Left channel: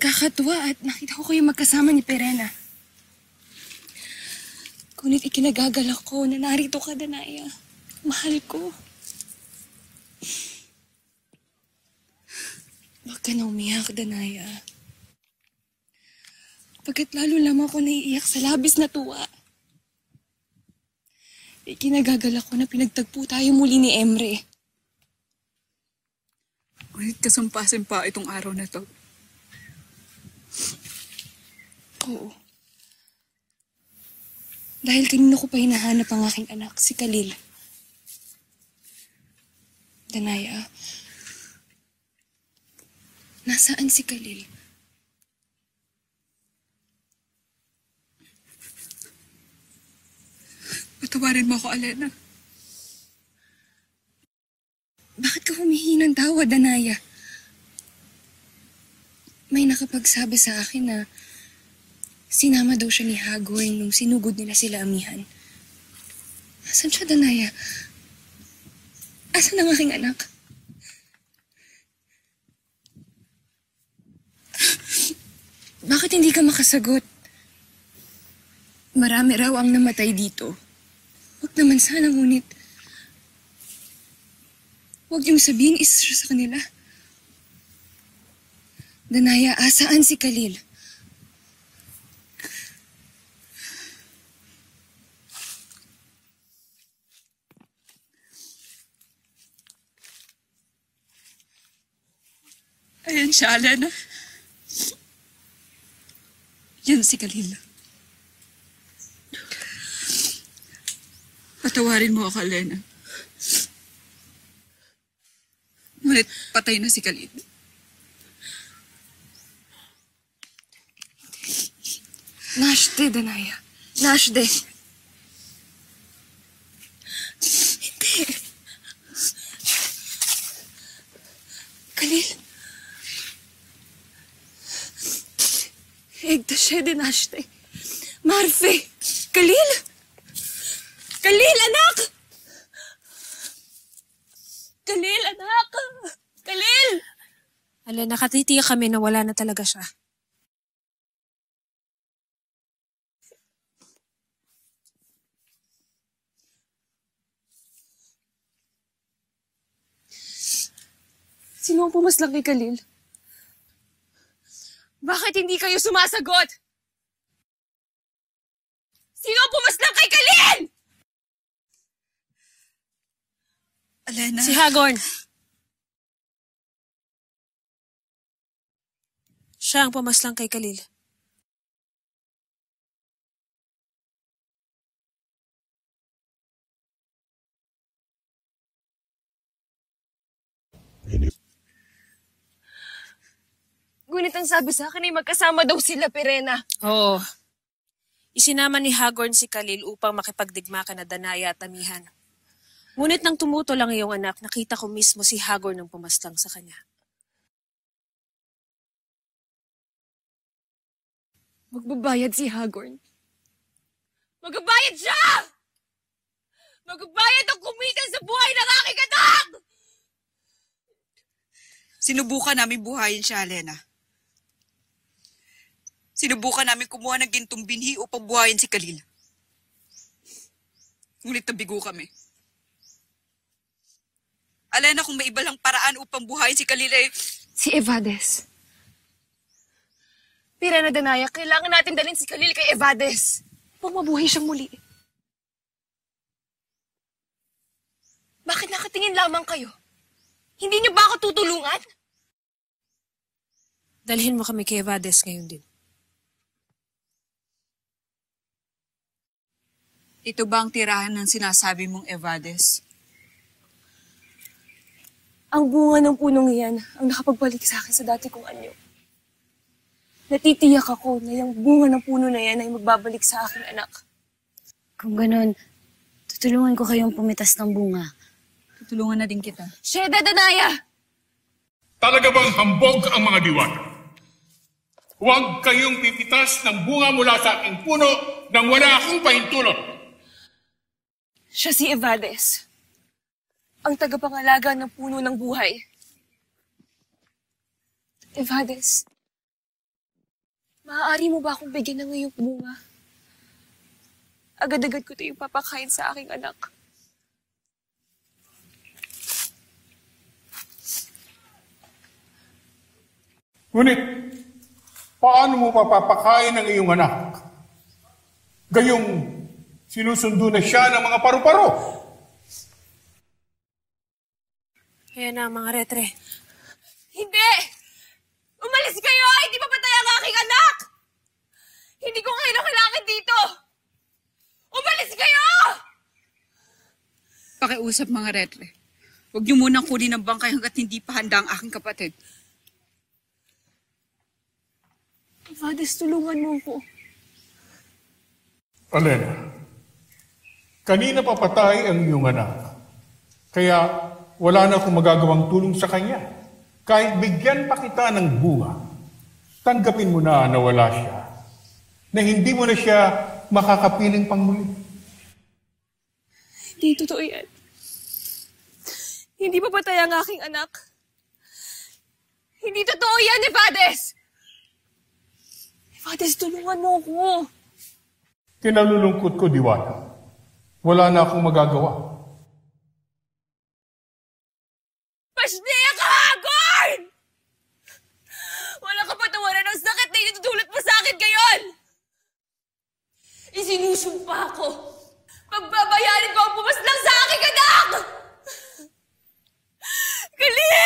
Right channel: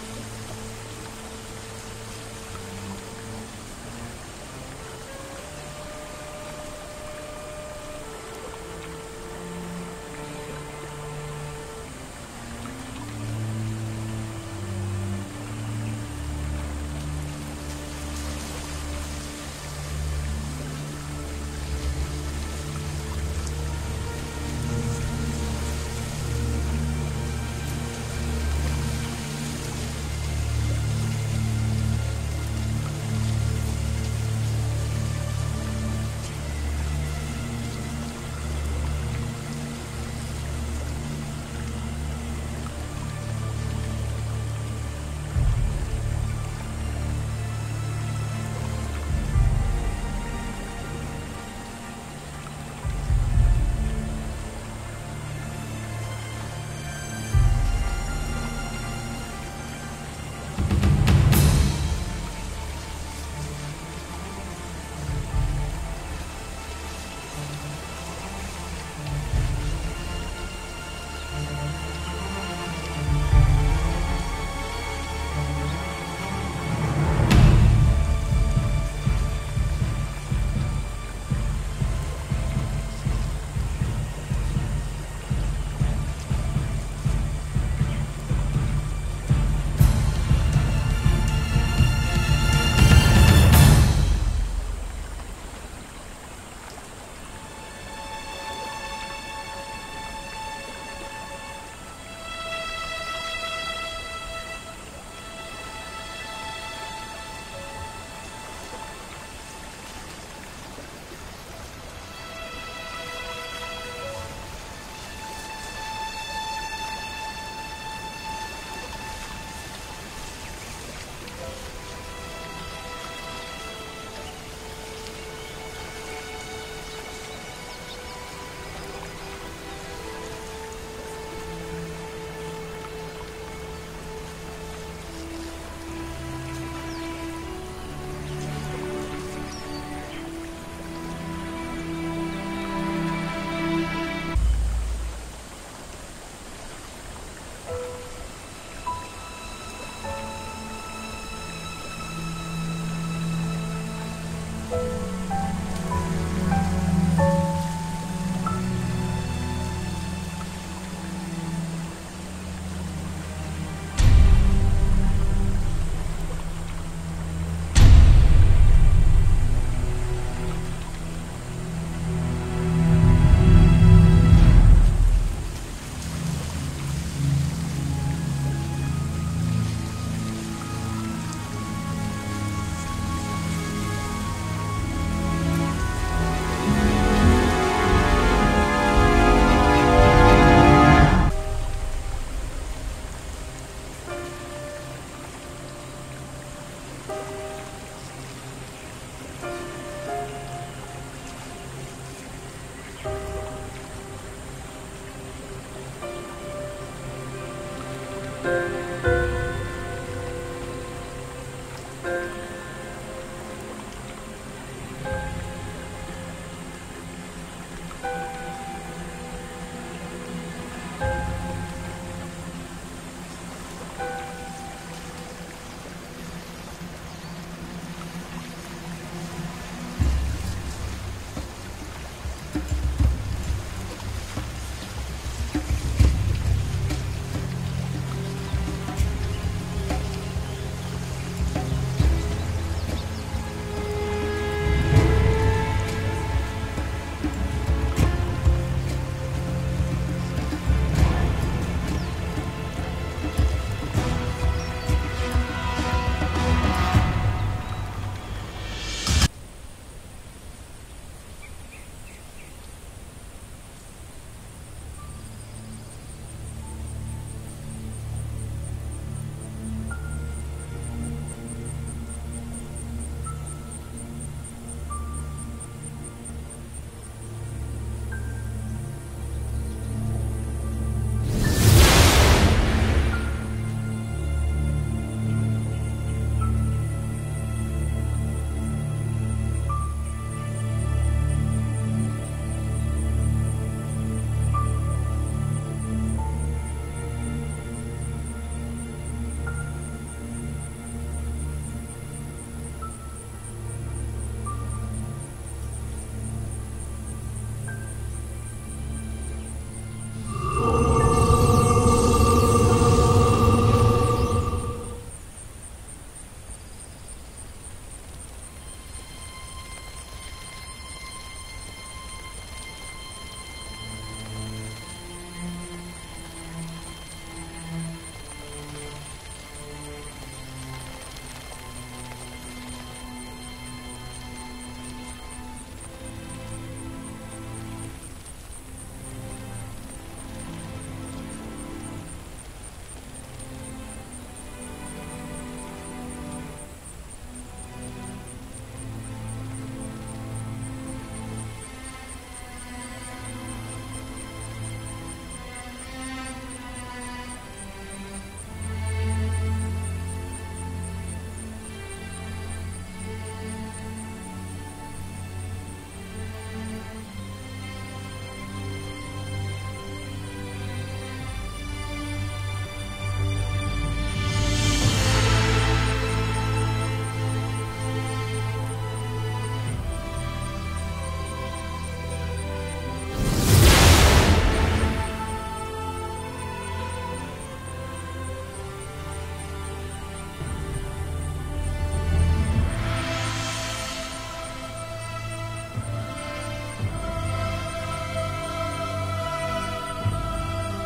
Kakatuwa at nakita ko kayo magkasama ni Perena. Ngunit ikinagagalak ko na narito ka, Danaya. Mahal ko. Huwag ka na umiyak, Danaya. Pagkat lalo lamang ako naiiyak sa labis na tuwa. Ikinagagalak ko na pinagtagpo tayo muli ni Emre. Kahit kasumpasin pa itong araw na ito. Dahil kanina ko pa hinahanap ang aking anak, si Khalil. Danaya, nasaan si Khalil? Patawarin mo ako, Alena. Bakit ka humihingi ng tawa, Danaya? May nakapagsabi sa akin na sinama daw siya ni Hagorn yung sinugod nila sila amihan. Asan siya, Danaya? Asan ang aking anak? Bakit hindi ka makasagot? Marami raw ang namatay dito. Huwag naman sana, ngunit huwag yung sabihin isa siya sa kanila. Danaya, asaan si Khalil? Ayan siya, Alena. Yan si Khalil. Patawarin mo ako, Alena. Ngunit patay na si Khalil. Nashde, Danaya. Nashde. Hindi. Khalil. Egdashede, Nashde. Marfe. Khalil. Khalil, anak! Khalil, anak! Khalil! Ala, nakatitiyak kami na wala na talaga siya. Sino ang pumaslak ni Khalil? Bakit hindi kayo sumasagot? Sino ang pumaslak kay Khalil? Alena. Si Hagorn. Siya ang pumaslang kay Khalil. Ngunit ang sabi sa akin ay magkasama daw sila, Perena. Oo. Isinama ni Hagorn si Khalil upang makipagdigma ka na Danaya at amihan. Ngunit nang tumuto lang iyong anak, nakita ko mismo si Hagorn ang pumaslang sa kanya. Magbabayad si Hagorn. Magbabayad siya! Magbabayad ang kumitil sa buhay ng aking anak! Sinubukan namin buhayin siya, Alena. Sinubukan namin kumuha ng gintong binhi upang buhayin si Khalil. Ngunit nabigo kami. Alena, kung may iba lang paraan upang buhayin si Khalil eh... Si Evades. Perena, Danaya, kailangan natin dalhin si Khalil kay Evades upang mabuhay siyang muli. Bakit nakatingin lamang kayo? Hindi niyo ba ako tutulungan? Dalhin mo kami kay Evades, Leandro. Ito ba ang tirahan ng sinasabi mong Evades? Ang bunga ng punong iyan ang nakapagbalik sa akin sa dati kong anyo. Natitiyak ako na yung bunga ng puno na yan ay magbabalik sa akin, anak. Kung ganon, tutulungan ko kayong pumitas ng bunga. Tulungan na din kita. Sheda, Danaya! Talaga bang hambog ang mga diwata? Huwag kayong pipitas ng bunga mula sa aking puno nang wala akong pahintulot. Siya si Evades. Ang tagapangalaga ng puno ng buhay. Evades, maaari mo ba akong bigyan ng iyong bunga? Agad-agad ko ito yung papakain sa aking anak. Ngunit, paano mo papapakain ang iyong anak? Gayong sinusundo na siya ng mga paru-paro. Kaya na, mga retre. Hindi! Umalis kayo! Hindi papatay ang aking anak! Hindi ko kayo kailangan dito! Umalis kayo! Pakiusap mga retre. Huwag niyo munang kunin ang bangkay hanggat hindi pa handa ang aking kapatid. Evades, tulungan mo ko. Alena, kanina papatay ang iyong anak. Kaya wala na akong magagawang tulong sa kanya. Kahit bigyan pa kita ng buha, tanggapin mo na wala siya. Na hindi mo na siya makakapiling pangmuli. Hindi totoo yan. Hindi papatay ang aking anak. Hindi totoo yan, Evades! Evades, tulungan mo ko. Kinalulungkot ko, Diwata. Wala na akong magagawa. Pashdea ka, Hagorn! Wala ka patawaran ng sakit na itutulot mo sa akin ngayon! Isinusumpa ako. Pagbabayarin ko ang pumaslang sa aking anak! Khalil!